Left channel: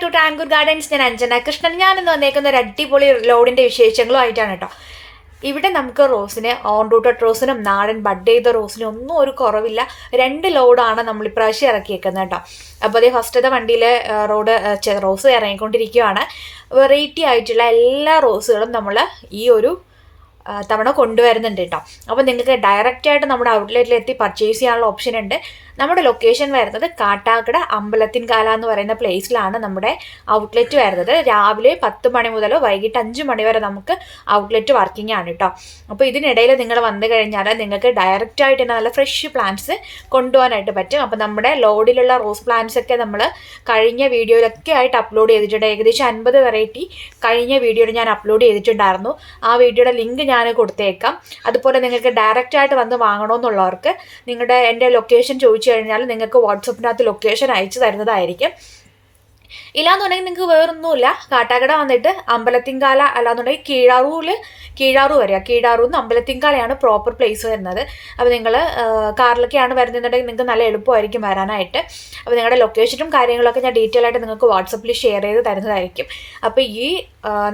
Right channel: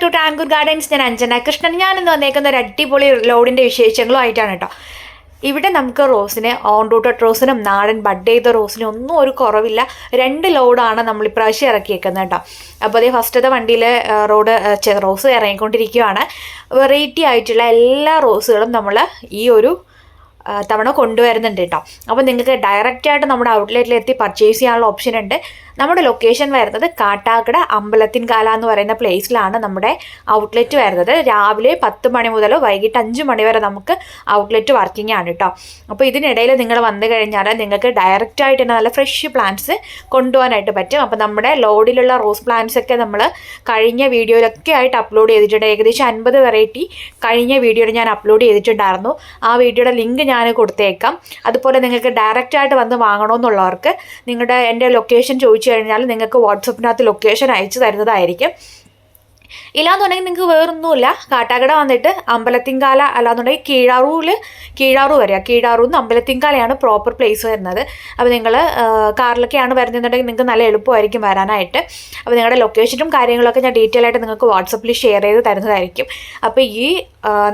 Back to ടാൻകൂർ gardens ഞാൻ അഞ്ജന കൃഷ്ണൻ ഞാനിന്ന് വന്നേക്കുന്ന ഒരു അടിപൊളി ലോഡിന്റെ വിശേഷങ്ങളും ആയിട്ടാണ് കേട്ടോ. ഇവിടെ നമുക്ക് റോസിന് ഓൺ റൂട്ടഡ് റോസിനും നാടൻ ബഡ് ചെയ്ത റോസിനും ഒന്നും ഒരു കുറവില്ല. രണ്ട് ലോഡാണ് നമ്മൾ ഇപ്രാവശ്യം ഇറക്കിയേക്കുന്നത് കേട്ടോ. അപ്പോൾ അതേ ഫസ്റ്റത്തെ വണ്ടിയിലെ റോഡ് റോസ് ഇറങ്ങിക്കൊണ്ടിരിക്കുകയാണ്. വെറൈറ്റി ആയിട്ടുള്ള എല്ലാ റോസുകളും നമ്മൾ ഈ ഒരു തവണ കൊണ്ടുവരുന്നുണ്ട് കേട്ടോ. അപ്പോൾ നിങ്ങൾക്ക് ഡയറക്റ്റായിട്ട് നമ്മുടെ ഔട്ട്ലെറ്റിൽ എത്തി പർച്ചേസ് ചെയ്യാനുള്ള ഓപ്ഷൻ ഉണ്ട്. നമ്മുടെ ലൊക്കേഷൻ വരുന്നത് കാട്ടാക്കട അമ്പലത്തിൻകാല എന്ന് പറയുന്ന പ്ലേസിലാണ് നമ്മുടെ ഔട്ട്ലെറ്റ് വരുന്നത്. രാവിലെ പത്ത് മണി മുതൽ വൈകിട്ട് അഞ്ച് മണി വരെ നമുക്ക് ഔട്ട്ലെറ്റ് വർക്കിംഗ് ആണ് കേട്ടോ അപ്പോൾ ഇതിനിടയിൽ നിങ്ങൾ വന്നു കഴിഞ്ഞാൽ നിങ്ങൾക്ക് ഡയറക്റ്റ് ആയിട്ട് തന്നെ നല്ല ഫ്രഷ് പ്ലാന്റ്സ് കൊണ്ടുപോകാനായിട്ട് പറ്റും. അപ്പോൾ നമ്മുടെ ലോഡിലുള്ള റോസ് പ്ലാന്റ്സ് ഒക്കെ നമ്മൾ കഴിഞ്ഞ വീഡിയോയിലൊക്കെ ആയിട്ട് അപ്ലോഡ് ചെയ്തിട്ടുണ്ട്. ഏകദേശം അൻപത് വെറൈറ്റി കഴിഞ്ഞ വീഡിയോയിൽ ഞാൻ അപ്ലോഡ് ചെയ്തിട്ടുണ്ടായിരുന്നു. ആ വീഡിയോയുടെ ലിങ്ക് ഞാൻ കൊടുത്തേക്കാം. അതുപോലെ നിങ്ങൾക്ക് ഡയറക്റ്റ് ആയിട്ട് വന്ന് വാങ്ങണമെന്നുള്ളവർക്ക് നിങ്ങളുടെ എന്റെ ലൊക്കേഷൻ ചോദിച്ചു കഴിഞ്ഞാൽ നിങ്ങൾക്ക് വാട്സപ്പിനകത്ത് ലൊക്കേഷൻ അയച്ചു തരുന്നതായിരിക്കും. ഇല്ലാന്നുണ്ടെങ്കിൽ നിങ്ങൾക്ക് വേറൊന്നുമില്ല. കാട്ടാക്കട വന്നിട്ട് അമ്പലത്തിങ്കാല അല്ലാന്നുണ്ടെങ്കിൽ കീഴാറൂരിൽ കീഴാറു വരിക കീഴാറൂർ നിന്ന് അമ്പലത്തിങ്കാലയാണ് പ്രോപ്പർ പ്ലേസ് വരുന്നത്. അപ്പോൾ നിങ്ങൾ കാറിലൊക്കെയാണ് വരുന്നുണ്ടെങ്കിൽ നിങ്ങൾക്ക് നല്ല എളുപ്പമായിരിക്കും വരാനായിട്ട്. അപ്പോൾ നിങ്ങളുടെ ലൊക്കേഷനും കാര്യങ്ങളൊക്കെ ഞാൻ ഡീറ്റെയിൽ ആയിട്ട് നിങ്ങൾക്ക് വാട്സപ്പിൽ ഷെയർ ചെയ്ത് തരുന്നതായിരിക്കും. അപ്പോൾ ഈ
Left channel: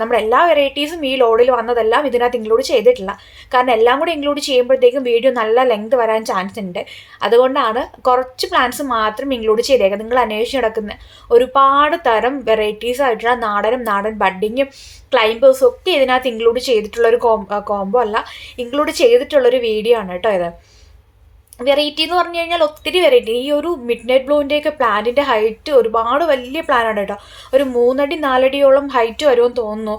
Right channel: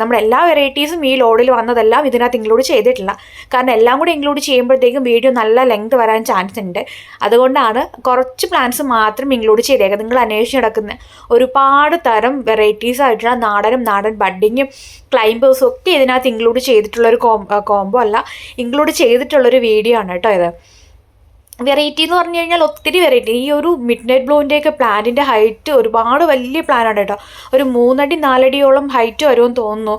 നമ്മുടെ എല്ലാ വെറൈറ്റീസും ഈ ലോഡിൽ വന്നതെല്ലാം ഇതിനകത്ത് ഇൻക്ലൂഡ് ചെയ്തിട്ടില്ല. കാരണം എല്ലാം കൂടി ഇൻക്ലൂഡ് ചെയ്യുമ്പോഴത്തേക്കും വീഡിയോ നല്ല ലെങ്ത് വരാൻ ചാൻസ് ഉണ്ട്. അതുകൊണ്ടാണ് കുറച്ച് പ്ലാൻസ് മാത്രം ഇൻക്ലൂഡ് ചെയ്തേക്കുക നിങ്ങൾ അന്വേഷിച്ച് നടക്കുന്ന ഒരുപാട് തരം വെറൈറ്റീസ് ആയിട്ടുള്ള നാടനും നാടൻ ബഡ്ഡിങ്ങും ക്ലൈംബേഴ്സും ഒക്കെ ഇതിനകത്ത് ഇൻക്ലൂഡ് ചെയ്തിട്ടുള്ളൊരു കോംബോ അല്ല. ഇൻക്ലൂഡ് ചെയ്തിട്ടുള്ളൊരു വീഡിയോ ആണ് കേട്ടോ ഇത്. വെറൈറ്റി എന്ന് പറഞ്ഞു കഴിഞ്ഞാൽ ഒത്തിരി വെറൈറ്റി ഈ ഒരു മിഡ് നൈറ്റ് ബ്ലൂവിന്റെയൊക്കെ പ്ലാന്റിന്റെ ഹൈറ്റ് ഒരുപാട് വലിയ പ്ലാനാണ് കേട്ടോ. ഒരു മൂന്നടി നാലടിയോളം ഹൈറ്റ് വരുമെന്ന് തോന്നുന്നു.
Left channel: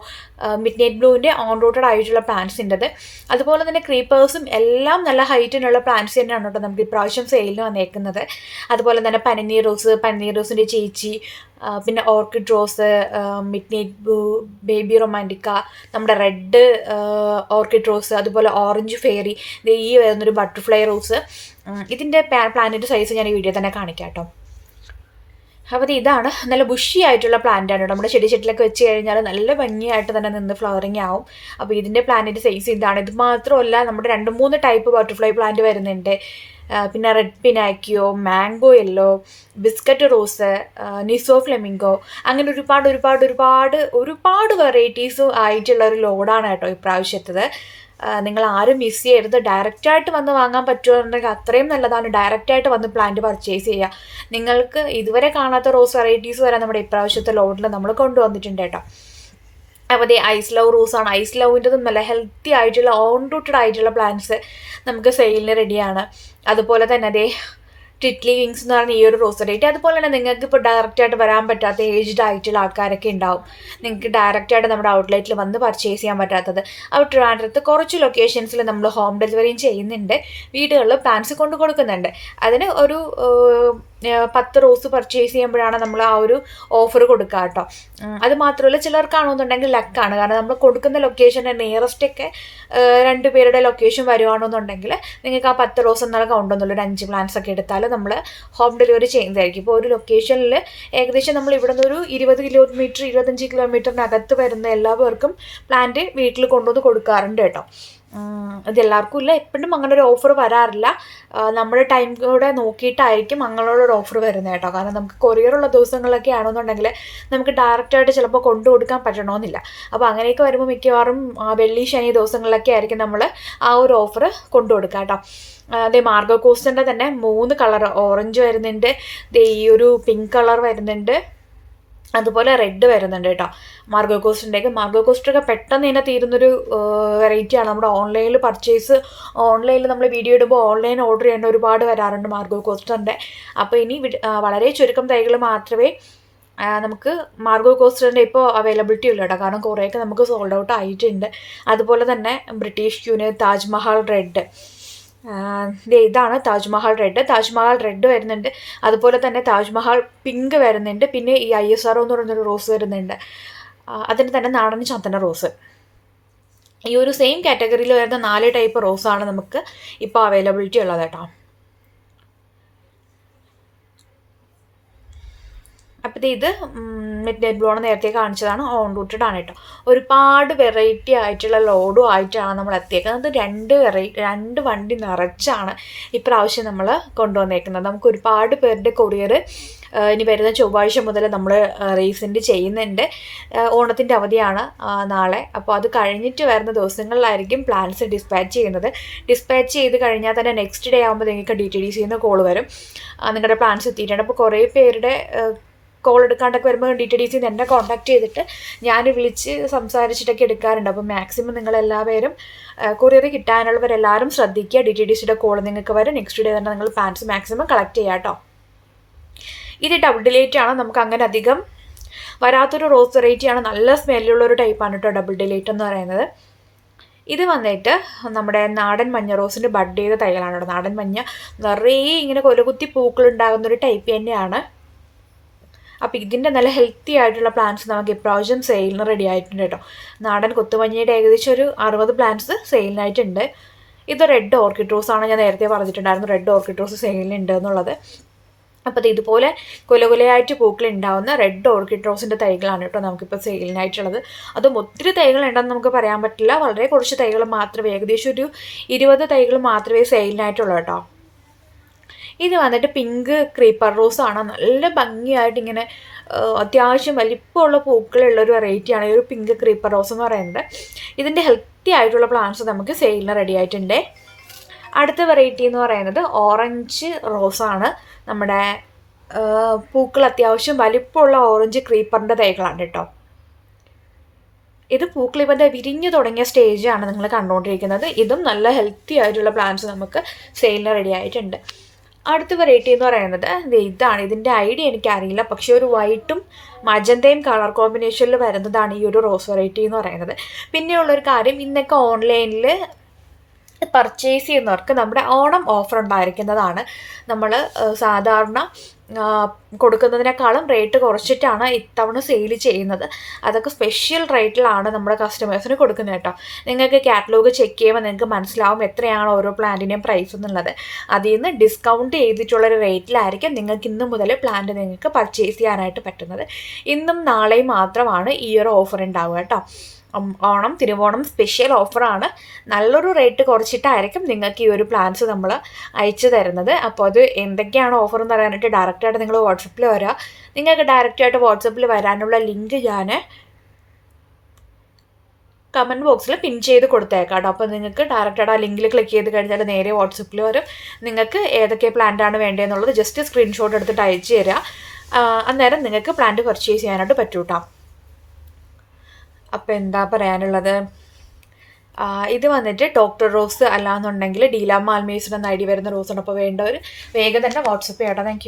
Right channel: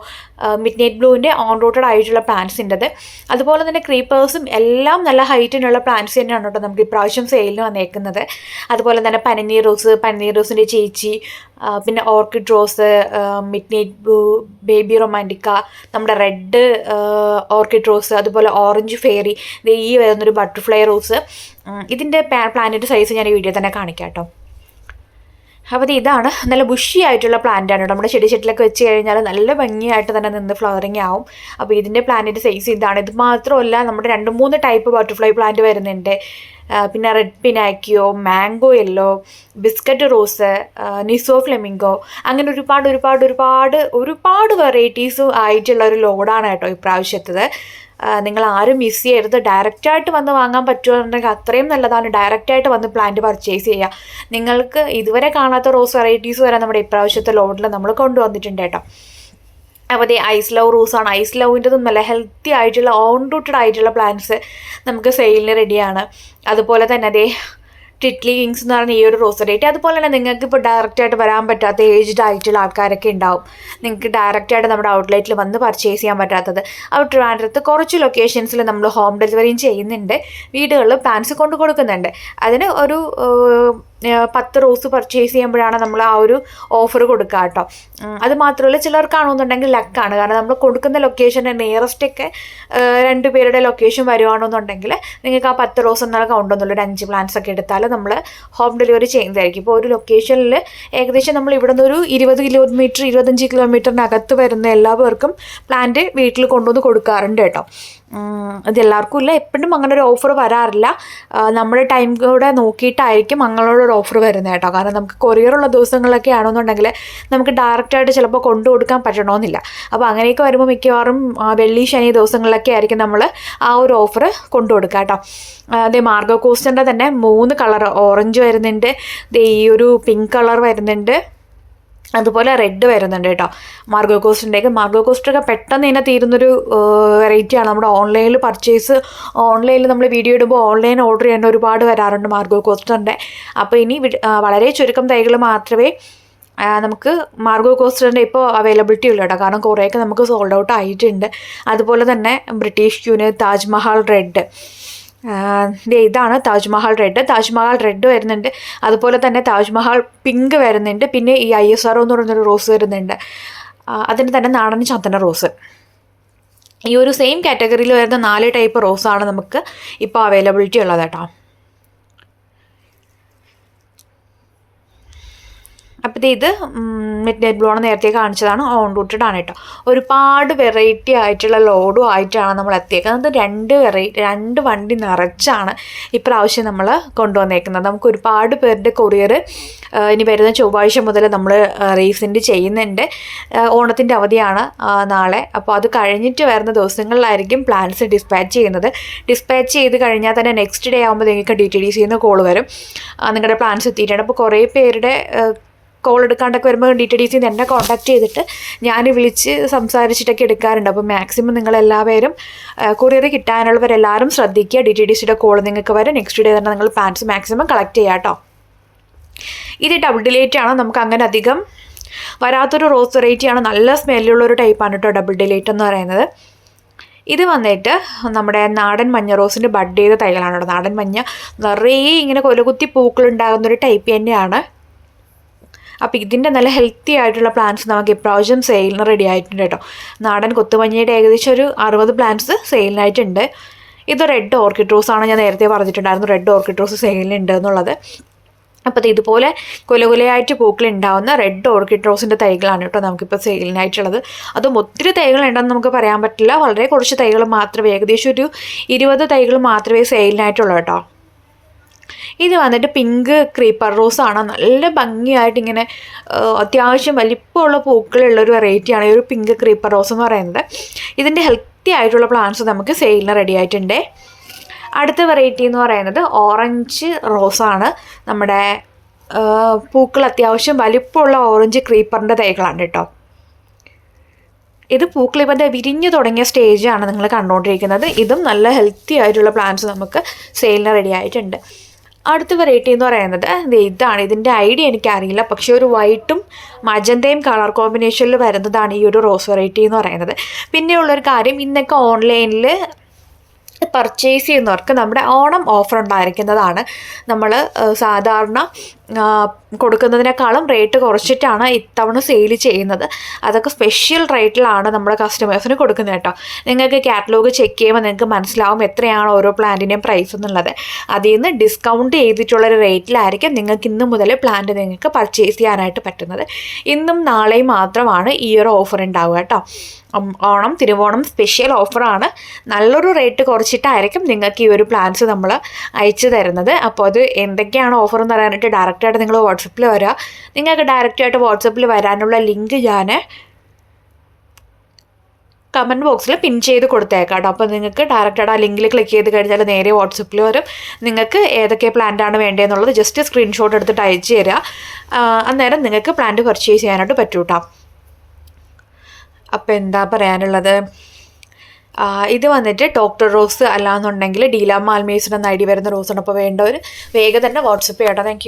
മിഡ് നൈറ്റ് ബ്ലൂവിന്റെ ഓൺ റൂട്ടഡ് ആയിട്ടുള്ള പ്ലാന്റ്സിന്റെത് അതുപോലെ തന്നെ ക്രീപ്പേഴ്സും എല്ലാം നല്ല ഹൈറ്റിനുള്ള പ്ലാന്റ്സ് തന്നെയാണ് കേട്ടോ നമുക്ക് ഇപ്രാവശ്യം സെയിലിന് വന്നേക്കുന്നത്. അതുപോലെ തന്നെ പനിനീർ റോസ് പനിനീർ റോസിന്റെ ചേച്ചി പിന്നെ orchid rose midnight blue baby റൊമാന്റിക്ക നമ്മുടെ റെഡ് ഓർക്കിഡ് റോസ് അതുപോലെ ഓറഞ്ച് ഫെയറി ഈ വരുന്നൊരു ബട്ടർഫ്ലൈ റോസ് ഇതിന്റെ പ്ലാനറ്റ് സൈസ് ഞാൻ ഈ വീഡിയോ തന്നെ കാണിക്കാം കേട്ടോ. അപ്പോൾ ഇതാണ്. നല്ല ബുഷി ആയിട്ടുള്ള പ്ലാന്റ് ആണ്. നമ്മുടെ ചെടി ചെട്ടിലൊക്കെ വെച്ച് കഴിഞ്ഞാൽ നല്ല ഭംഗിയായിട്ട് തന്നെ നിന്ന് ഫ്ലവറിങ് ആവും. അപ്പോൾ ഇതിന്റെ പ്ലാന്റിന്റെ സൈസ് ഇതാണ്. ഇത് മാത്രമല്ല നമ്മുടെ രണ്ട് മൂന്ന് ടൈപ്പ് ബട്ടർഫ്ലൈ പ്ലാന്റ് വരുന്നുണ്ട്. പിന്നെ red pinocchio mango yellow biscuit rose നിസോ flamingo അങ്ങനെ ഒരുപാട് ഒരുപാട് ഒരുപാട് ഒരുപാട് വെറൈറ്റീസും ആയിട്ടുള്ള ഒരു ലോഡാണ് കേട്ടോ ഇപ്രാവശ്യത്തത്. നിങ്ങൾ ആരും മിസ് ചെയ്യരുത് ഡയറക്റ്റായിട്ട് വന്ന് വാങ്ങാൻ പറ്റുമെന്നുണ്ടെങ്കിൽ അത്രയും നല്ലതാണ്. ഡയറക്റ്റായിട്ട് വന്ന് പ്ലാന്റ് പർച്ചേസ് ചെയ്യുക. നിങ്ങൾക്ക് ഇതുവരെ കാണാത്ത റോസ് വെറൈറ്റീസ് വരെ നമ്മുടെ ഇപ്രാവശ്യത്തെ ലോഡിൽ നമ്മൾ കൊണ്ടുവന്നിട്ടുണ്ട് കേട്ടോ. അപ്പോൾ ദേ ഐസ് ലവ് റൂസാണ് ഐസ് ലവിന്റെതും നല്ല ഹെൽത്തി ആയിട്ടുള്ള ഓൺ റൂട്ടഡ് ആയിട്ടുള്ള പ്ലാന്റ്സ് നമുക്ക് സെയിലിന് റെഡിയാണ് അതുപോലെ തന്നെ അതേ ടിറ്റ്ലി കിങ്സ് എന്ന് പറഞ്ഞ ഈ ഒരു റോസ് റേറ്റ് അതുപോലെ തന്നെ നിങ്ങൾക്ക് ഇപ്പോൾ ഡയറക്റ്റായിട്ട് വരാൻ പറ്റാത്ത ഏജ്ഡ് ആയിട്ടുള്ള ആൾക്കാരൊക്കെ ഉണ്ടാവും. നിങ്ങൾക്ക് ഡയറക്റ്റായിട്ട് നമ്മുടെ ഔട്ട്ലെറ്റിൽ വന്ന് പർച്ചേസ് ചെയ്യാൻ പറ്റാത്തത്. അപ്പോൾ ട്രിവാൻഡ്രത്ത് കുറച്ച് ലൊക്കേഷൻസിൽ നമ്മൾ ഹോം ഡെലിവറിയും ചെയ്യുന്നുണ്ട്. വീടുകളിൽ പാൻസ് കൊണ്ട് കൊടുക്കുന്നുണ്ട്. അതിന് ഒരു പത്ത് റോസ് പർച്ചേസ് ചെയ്യുമ്പോഴാണ് നമ്മൾ ആ ഒരു ഓഫർ കൊടുക്കുക കേട്ടോ അത് മാത്രമല്ല ചിലർക്കാണെന്നുണ്ടെങ്കിൽ ലക്കാണ് കാരണം നമ്മൾ കൊടുക്കുന്ന ലൊക്കേഷന്റെ നിയറസ്റ്റ് ഒക്കെ രണ്ട് പേരുടെ ലൊക്കേഷൻ വരുവാണെന്നുണ്ടെങ്കിൽ നിങ്ങൾക്ക് ആ പത്ത് റോസ് എന്നുള്ള കൗണ്ട് ഒന്നുമില്ല. ഒരു അഞ്ച് പ്ലാന്റ്സ് ഒക്കെ എടുത്താൽ നമ്മൾ ഹോം ഡെലിവറി ചെയ്യുന്നതായിരിക്കും. ഇപ്പോൾ ഒരു ലൊക്കേഷനിൽ ഏകദേശം നമ്മൾ ഇവിടെ ഒരു ഇരുപത് കിലോമീറ്റർ ഇരുപത്തഞ്ച് കിലോമീറ്ററിനകത്ത് വരുന്ന എല്ലാവർക്കും പ്ലാന്റ് വീട്ടിൽ കൊണ്ടുവന്ന് കൊടുക്കാറുണ്ട് കേട്ടോ. ഇത് എല്ലാവർക്കും ഇല്ല. എപ്പോഴും അങ്ങനെ ഒരു ഓഫർ വരാറില്ല നമ്മുടെ ടൈം കൂടെ നോക്കിയിട്ടായിരിക്കും അങ്ങനെയുള്ള ഒരു ഓഫർ വരുന്നത് കേട്ടോ. കാരണം നമുക്ക് കൊറിയറുള്ള ദിവസങ്ങളിലൊക്കെ ആണെന്നുണ്ടെങ്കിൽ നമുക്ക് ഡയറക്റ്റായിട്ട് ചിലപ്പോൾ കൊണ്ടു കൊടുക്കാൻ പറ്റണമെന്നില്ല അപ്പോൾ അങ്ങനെയൊക്കെ വരുമ്പോൾ മിക്കവാറും വെള്ളി ശനി ദിവസങ്ങളിലൊക്കെ ആയിരിക്കും നമ്മൾ ആ ഒരു ഓഫർ കൊണ്ടു കൊടുക്കുക കേട്ടോ. അതേ മാർഗോ കോസ്റ്റിന്റെ തന്നെ മൂന്ന് കളർ ഓറഞ്ച് വരുന്നുണ്ട്. ഈ ഒരു പിങ്ക് കളർ വരുന്നുണ്ട്. അതുപോലെ റെഡ് വരുന്നുണ്ട് കേട്ടോ. മാർഗോ കോസ്റ്റിന്റെയൊക്കെ മാർഗോ കോസ്റ്റൊക്കെ പെട്ടെന്ന് തന്നെ തീരുന്നൊരു വെറൈറ്റിയാണ് നമ്മുടെ ഓൺലൈനിൽ പർച്ചേസ് ഓൺലൈനിൽ നമ്മൾ വീഡിയോ ഇടുമ്പോൾ ഓൺലൈൻ ഓർഡർ ചെയ്യേണ്ട ഒരുപാട് വരാറുണ്ട് മാർഗോ കോസ്റ്ററിന്റെ അപ്പോൾ ഇനി വളരെ ചുരുക്കം തൈകൾ മാത്രമേ നമുക്ക് മാർഗോ കോസ്റ്ററിന്റെ ഇപ്പോൾ അവൈലബിലിറ്റി ഉള്ളൂ കേട്ടോ. കാരണം കുറേയൊക്കെ നമുക്ക് സോൾഡ് ഔട്ട് ആയിട്ടുണ്ട്. അതുപോലെ തന്നെ ബ്രിട്ടീഷ് യൂണിയൻ താജ്മഹൽ റെഡ് ഇതാണ് താജ്മഹൽ റെഡ്. താജ്മഹൽ റെഡ് വരുന്നുണ്ട്. അതുപോലെ തന്നെ താജ്മഹൽ പിങ്ക് വരുന്നുണ്ട്. പിന്നെ ഈ ഐ എസ് ആർ എന്ന് പറയുന്നൊരു റോസ് വരുന്നുണ്ട്. അതിന് തന്നെ നാടൻ ചന്ദന റോസ്. ഈ ഒരു സെയിം കാറ്റഗറിയിൽ വരുന്ന നാല് ടൈപ്പ് റോസാണ് നമുക്ക് ഇപ്പോൾ അവൈലബിലിറ്റി ഉള്ളത് കേട്ടോ. അപ്പോൾ ഇത് മിഡ് നൈറ്റ് ബ്ലോൺ നേരത്തെ കാണിച്ചതാണ്. ഓൺ റൂട്ടഡ് ആണ് കേട്ടോ ഒരുപാട് വെറൈറ്റി ആയിട്ടുള്ള ലോഡും ആയിട്ടാണ് നമ്മൾ എത്തിയേക്കുന്നത്. രണ്ട് വെറൈറ്റി രണ്ട് വണ്ടി നിറച്ചാണ് ഇപ്രാവശ്യം നമ്മൾ കൊണ്ടുവന്നേക്കുന്നത്. നമുക്ക് ഒരുപാട് പേരുടെ കൊറിയർ ഇനി വരുന്ന ചൊവ്വാഴ്ച മുതൽ നമ്മൾ റീസെന്റ് ചെയ്യുന്നുണ്ട്. ഓണത്തിന്റെ അവധിയാണ് നാളെ. അപ്പോൾ അത് കഴിഞ്ഞിട്ട് വരുന്ന ദിവസങ്ങളിലായിരിക്കും പ്ലാൻസ് ഡിസ്പാച്ച് ചെയ്യുന്നത്. ഡിസ്പാച്ച് ചെയ്ത് കഴിഞ്ഞാൽ തന്നെ നെക്സ്റ്റ് ഡേ ആകുമ്പോൾ നിങ്ങൾക്ക് ഡി ടി ഡി സിന്ന് കോൾ വരും. നിങ്ങളുടെ പ്ലാൻസ് എത്തിയിട്ടുണ്ട്. അപ്പോൾ കുറേ പേരുടെ കോൾ എടുക്കാണ്ടൊക്കെ വരുമ്പോൾ ഡി ടി ഡി സിന്ന് എന്നെ കോൺടാക്ട് ചെയ്തിട്ട് ഞാൻ വിളിച്ച് സംസാരിച്ചിട്ടൊക്കെ എടുക്കാറുണ്ട്. അപ്പോൾ മാക്സിമം നിങ്ങളെല്ലാവരും കൊറിയർ കിട്ടാനുള്ളവരെല്ലാവരും ശ്രദ്ധിക്കുക. ഡി ടി ഡി സിയുടെ കോൾ നിങ്ങൾക്ക് വരും. നെക്സ്റ്റ് ഡേ തന്നെ നിങ്ങൾ പാൻസ് മാക്സിമം കളക്ട് ചെയ്യാം കേട്ടോ ഇത് ഡബിൾ ഡിലേറ്റ് ആണ്. നമുക്ക് അങ്ങനെ അധികം വരാത്തൊരു റോസ് വെറൈറ്റിയാണ് നല്ല സ്മെല്ലുള്ള ഒരു ടൈപ്പാണ് കേട്ടോ ഡബിൾ ഡിലേറ്റ് എന്ന് പറയുന്നത്. ഇത് വന്നിട്ട് നമ്മുടെ നാടൻ മഞ്ഞ റോസിന്റെ ബഡ് ചെയ്ത തൈകളാണ് നാടൻ മഞ്ഞ നിറയെ ഇങ്ങനെ കൊലകുത്തി പൂക്കളുണ്ടാകുന്ന ഒരു ടൈപ്പ് തന്നെയാണ്. അപ്പോൾ ഇതിന്റെ നല്ല ഹെൽത്തി ആയിട്ടുള്ള പ്ലാന്റ്സ് നമുക്ക് ഇപ്രാവശ്യം സെയിലിന് റെഡി ആയിട്ടുണ്ട് കേട്ടോ. നാടൻ കൊത്തുമഞ്ഞയുടെ ഏകദേശം ഒരു അറുപത് പ്ലാന്റ്സ് സെയിലിനായിട്ടുണ്ട് ഇത് റെഡ് ഓർക്കിഡ് റോസ് ആണ് ഞാൻ നേരത്തെ പറഞ്ഞിട്ടുണ്ടായിരുന്നു. റെഡ് ഓർക്കിഡ് റോസ് സെയിലിനുണ്ട് എന്നുള്ളത്. അപ്പോൾ ഇത് ഇതുപോലെ കുലകുലയായിട്ട് പൂക്കൾ ഉണ്ടാവുന്ന റെഡ് ഓർക്കിഡ് റോസിന്റെ തൈകളാണ് കേട്ടോ നമുക്കിപ്പോൾ സെയിലിനായിട്ടുള്ളത് അതും ഒത്തിരി തൈകളുണ്ടെന്ന് നമുക്ക് പറയാൻ പറ്റില്ല. വളരെ കുറച്ച് തൈകൾ മാത്രമേ ഏകദേശം ഒരു ഇരുപത് തൈകൾ മാത്രമേ സെയിലിനായിട്ടുള്ളൂ കേട്ടോ. ഇത് വന്നിട്ട് പിങ്ക് ക്രീപ്പർ റോസ് ആണ്. നല്ല ഭംഗിയായിട്ട് ഇങ്ങനെ അത്യാവശ്യം വലിപ്പമുള്ള പൂക്കളുള്ള ഒരു വെറൈറ്റിയാണ് ഈ ഒരു പിങ്ക് ക്രീപ്പർ റോസ് എന്ന് പറയുന്നത്. ഇതിന്റെ ഹെൽത്തി ആയിട്ടുള്ള പ്ലാന്റ്സ് നമുക്ക് സെയിലിന് റെഡി ആയിട്ടുണ്ട്. അടുത്ത വെറൈറ്റി എന്ന് പറയുന്നത് ഓറഞ്ച് റോസാണ് നമ്മുടെ പൂക്കൾ അത്യാവശ്യം വലിപ്പമുള്ള ഓറഞ്ച് ക്രീപ്പറിന്റെ തൈകളാണ് കേട്ടോ. ഇത് പൂക്കൾ ഇപ്പം വിരിഞ്ഞു തുടങ്ങിയ സ്റ്റേജാണ് നിങ്ങൾ കണ്ടുകൊണ്ടിരിക്കുന്നത് ഇതും നല്ല ഹെൽത്തി ആയിട്ടുള്ള പ്ലാന്റ്സ് നമുക്ക് സെയിലിന് റെഡി ആയിട്ടുണ്ട്. അടുത്ത വെറൈറ്റി എന്ന് പറയുന്നത് ഇതാണ്. ഇതിന്റെ ഐഡിയ എനിക്കറിയില്ല. പക്ഷേ ഒരു വൈറ്റും മജന്തയും കളർ കോമ്പിനേഷനിൽ വരുന്നതാണ് ഈ ഒരു റോസ് വെറൈറ്റി എന്ന് പറയുന്നത്. പിന്നെയുള്ളൊരു കാര്യം ഇന്നൊക്കെ ഓൺലൈനിൽ പർച്ചേസ് ചെയ്യുന്നവർക്ക് നമ്മുടെ ഓണം ഓഫർ ഉണ്ടായിരിക്കുന്നതാണ്. നമ്മൾ സാധാരണ കൊടുക്കുന്നതിനേക്കാളും റേറ്റ് കുറച്ചിട്ടാണ് ഇത്തവണ സെയിൽ ചെയ്യുന്നത്. അതൊക്കെ സ്പെഷ്യൽ റേറ്റിലാണ് നമ്മുടെ കസ്റ്റമേഴ്സിന് കൊടുക്കുന്നത് കേട്ടോ. നിങ്ങൾക്ക് കാറ്റലോഗ് ചെക്ക് ചെയ്യുമ്പോൾ നിങ്ങൾക്ക് മനസ്സിലാവും എത്രയാണ് ഓരോ പ്ലാന്റിന്റെയും പ്രൈസ് എന്നുള്ളത്. അതിൽ നിന്ന് ഡിസ്കൗണ്ട് ചെയ്തിട്ടുള്ളൊരു റേറ്റിലായിരിക്കും നിങ്ങൾക്ക് ഇന്ന് മുതൽ പ്ലാന്റ് നിങ്ങൾക്ക് പർച്ചേസ് ചെയ്യാനായിട്ട് പറ്റുന്നത്. ഇന്നും നാളെയും മാത്രമാണ് ഈ ഒരു ഓഫർ ഉണ്ടാവുക കേട്ടോ. ഓണം തിരുവോണം സ്പെഷ്യൽ ഓഫറാണ് നല്ലൊരു റേറ്റ് കുറച്ചിട്ടായിരിക്കും നിങ്ങൾക്ക് ഈ ഒരു പ്ലാൻസ് നമ്മൾ അയച്ചു തരുന്നത്. അപ്പോൾ അത് എന്തൊക്കെയാണ് ഓഫർ എന്ന് പറയാനായിട്ട് ഡയറക്റ്റായിട്ട് നിങ്ങൾ വാട്സപ്പിൽ വരാ. നിങ്ങൾക്ക് ഡയറക്റ്റായിട്ട് വാട്സപ്പിൽ വരാനുള്ള ലിങ്ക് ഞാൻ കമന്റ് ബോക്സിൽ പിൻ ചെയ്ത് കൊടുത്തേക്കാം കേട്ടോ അപ്പോൾ നിങ്ങൾക്ക് ഡയറക്റ്റായിട്ട് ആ ലിങ്കിൽ ക്ലിക്ക് ചെയ്ത് കഴിഞ്ഞാൽ നേരെ വാട്സപ്പിൽ വരും. നിങ്ങൾക്ക് ഏതൊക്കെ പ്ലാന്റാണ് വേണ്ടതെന്നുള്ളത് ജസ്റ്റ് സ്ക്രീൻഷോട്ട് എടുത്തിട്ട് അയച്ചു തരിക ആ, അന്നേരം നിങ്ങൾക്ക് പ്ലാന്റ് പർച്ചേസ് ചെയ്യാനായിട്ട് പറ്റൂ കേട്ടോ അപ്പോൾ എന്താ പറയാനുള്ളത്? ഇത് വന്നിട്ട് ഡോക്ടർ റോസ് അല്ലാന്നുണ്ടെങ്കിൽ ഡീല മാൽമേസിന് എന്ന ഐ ഡി വരുന്ന റോസാണ് അപ്പോൾ വേണ്ടവർ വേഗം തന്നെ വാട്സപ്പ് ചെയ്യട്ടോ താങ്ക്